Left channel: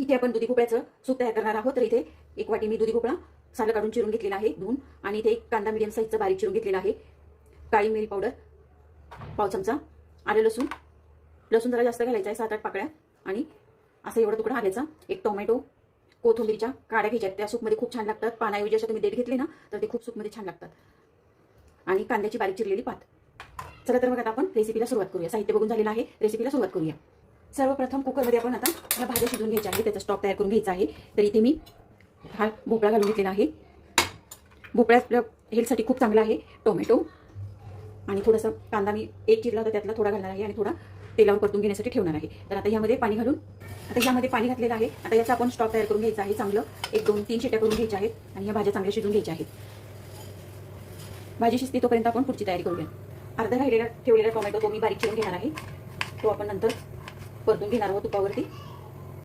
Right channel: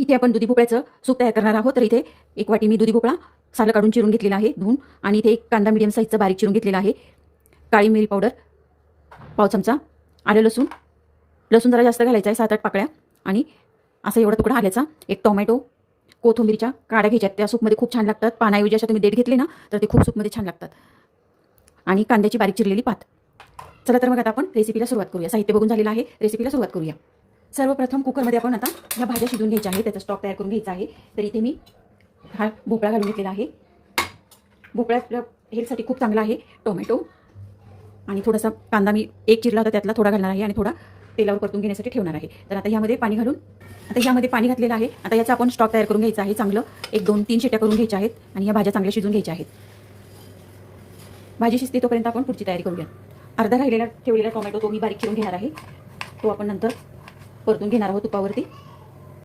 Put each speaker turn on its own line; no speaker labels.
इथे आपण दुधी भोपळ्याचं सूप तयार करणार आहोत. तर इथे एक वाटी मी दुधी भोपळा सालं काढून चिरून घेतलेला आहे धुवून. आणि इथे एक कांदा मिडियम साईजचं बारीक चिरून घेतलेला आहे. काळी मिरी पावडर पाव चमचा आलं लसूण. लसूण जरा जास्त घालायचा आहे सात आठ पाकळ्या. आणि असा एवढा तुकडा आल्याचा एक टोमॅटो कोथिंबीरच्या काड्या घ्यायच्यात. त्या सूपमध्ये खूप छान लागतात. पानाऐवजी अशा तुम्ही देठ घेतले ना तर ते खूप सूपमध्ये छान लागतात. आणि कांद्याची बारीक चिरलेली पात. चला तर मग आता आपण रेसिपीला सुरुवात करूया. साहित्य बघून झालेलं आहे. रेसिपीला सुरुवात करूया. सर्वप्रथम कुकरमध्ये आपण आता ह्या भाज्या शिजून घ्यायच्या आहे त्याचा स्टॉक तयार करून घ्यायचा आहे. तर इथे मी हा भोपळा घालून घेतलेला आहे. भोपळा आपल्या हेल्थसाठी खूप चांगला आहे. टोमॅटो आणि थोडासा कांदा मी एक चिरला होता त्यातला थोडा घालणार आहे आणि थोडा तेलावर परतून घेण्यासाठी ठेवणार आहे. तर आता ह्यामध्ये पाणी घालून आता ह्यामध्ये पाणी घातलेलं आहे. आता याचा आपण स्टॉक तयार करून घ्यायचा आहे. चांगलं एक दोन तीन शिट्या करून घ्यायच्या आहेत आणि ह्या भाज्या चांगल्या शिजून घ्यायच्या आहेत. भाजी शिजते तोपर्यंत आपण पुढची तयारी करूया. अर्धा राहिलेला ठेवलेला टोमॅटो तो मी बारीक चिरून घेणार आहे. तो आपण नंतर परतून घेणार आहोत तुपावरती?